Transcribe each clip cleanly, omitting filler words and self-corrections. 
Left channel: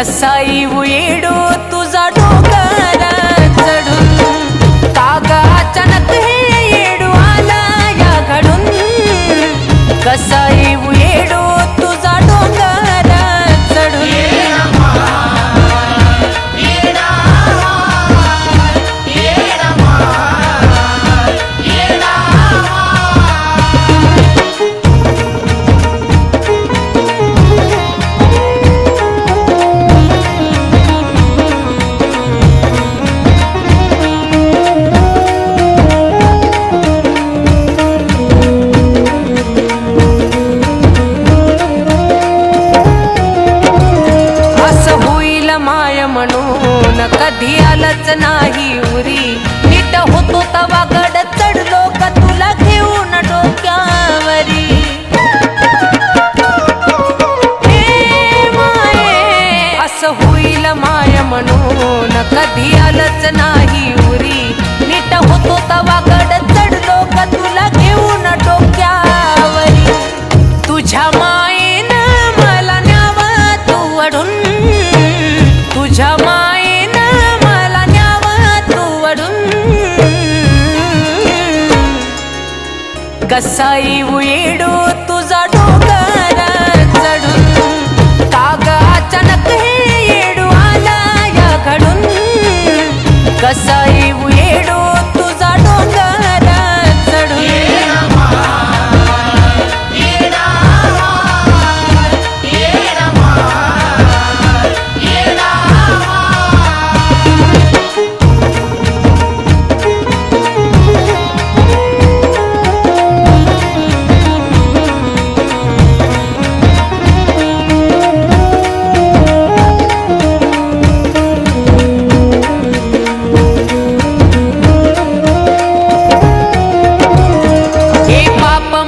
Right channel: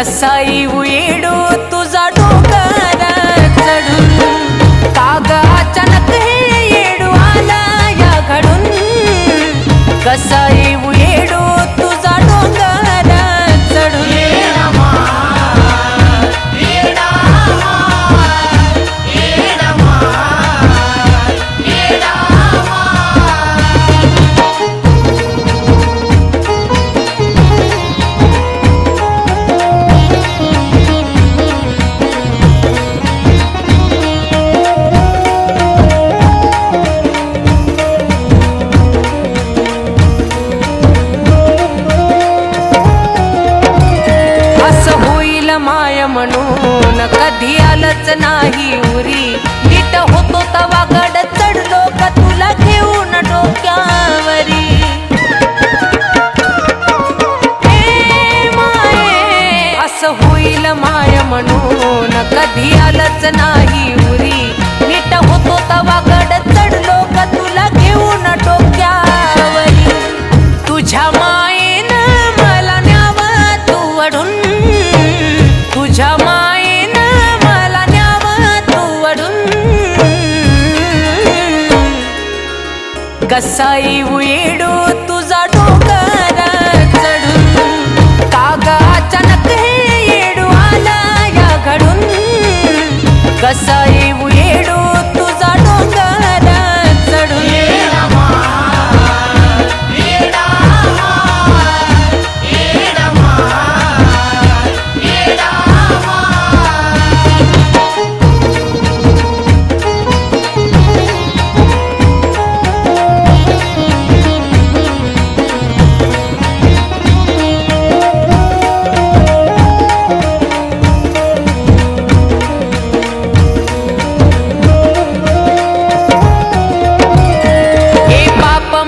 कसा येऊ येडो तुझा डोंगर चढून काग अचानक हे येडू आला या घडून कसा येऊ येडो तुझा डोंगर चढून माय म्हणून कधी आलंच नाही उरी नीट होतो तवा गड चढलो का तुला घेऊन डोक्यावरी हे माये असं होईल माय म्हणून कधी आलंच नाही उरी नीट होतो तवा गड चढलो का तुला घेऊन डोक्यावरी तुझ्या मायेनं मला न्यावा तू अडून तुझ्या मायेनं मला न्यावा तू वडून कसा येऊ येडो तुझा डोंगर चढून काग अचानक हे येडू आला या घडून कसा येऊ येडो तुझा डोंगर चढून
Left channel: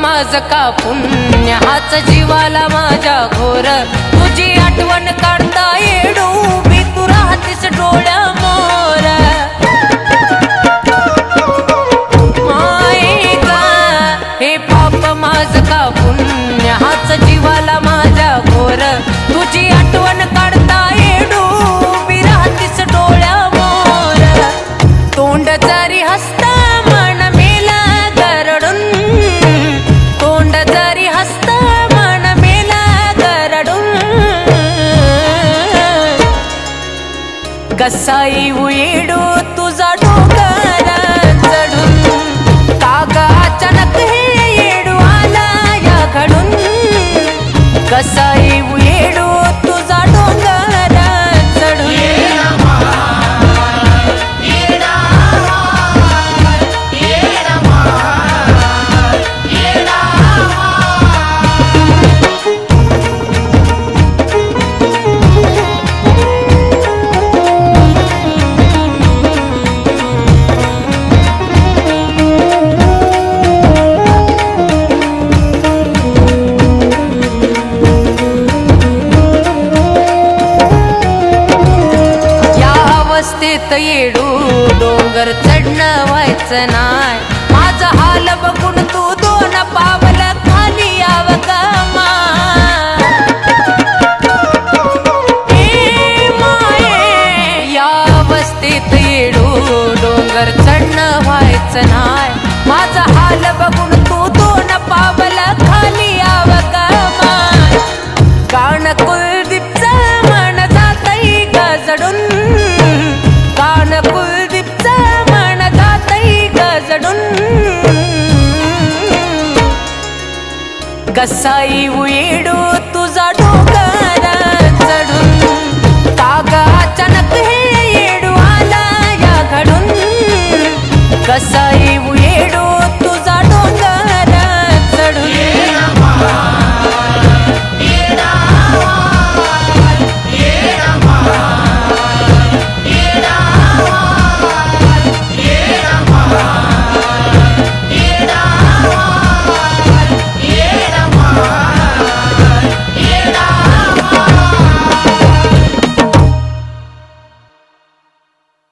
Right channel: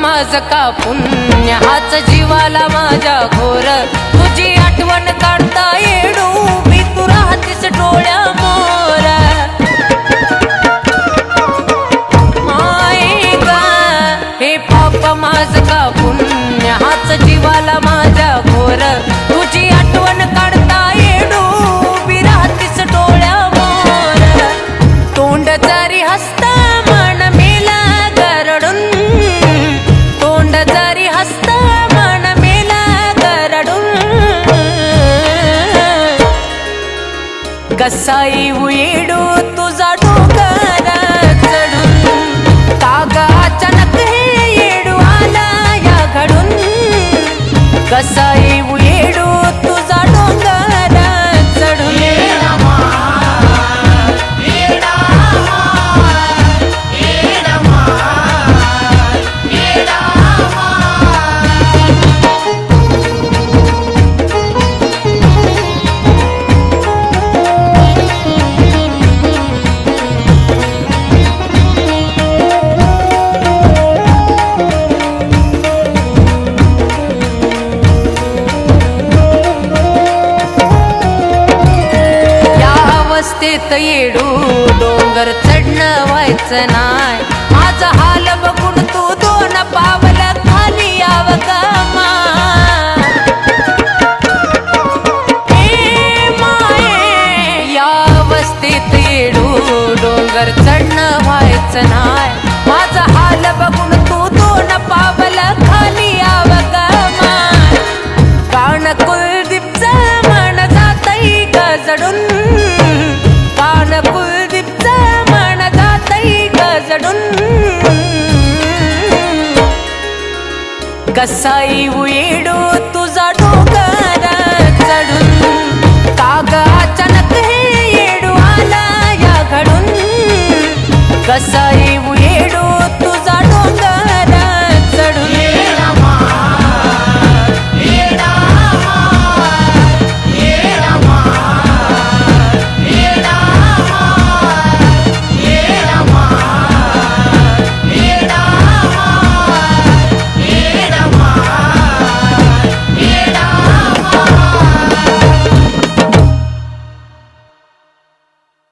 माझ का पुण्य हाच जीवाला माझ्या घोर तुझी आठवण काढता येडू मी तू राहतीस डोळ्या मोर माय गा हे पाप माझ का पुण्य हाच जीवाला माझ्या घोर तुझी आठवण काढता येडू मी राहतीस डोळ्या मोर तोंड जरी हसता मन मेला गरडून तोंड जरी हसता मन मेला गरडून कसा येऊ येडो तुझा डोंगर चढून काग अचानक हे येडू आला या घडून कसा येऊ येडो तुझा डोंगर चढून अवस्थेत येडू डोंगर चढणं व्हायचं नाय माझा हाल बघून तू दोन पावल खाली याव गमा हे माये या अवस्थेत येडू डोंगर चढणं व्हायचं नाय माझा हाल बघून तू दोन पावल खाली याव गमा कान कुलदीपचा मन जातई गजडून कान कुलदीपचा मन जातई गजडून कसा येऊ येडो तुझा डोंगर चढून काग अचानक हे येडू आला या घडून कसा येऊ येडो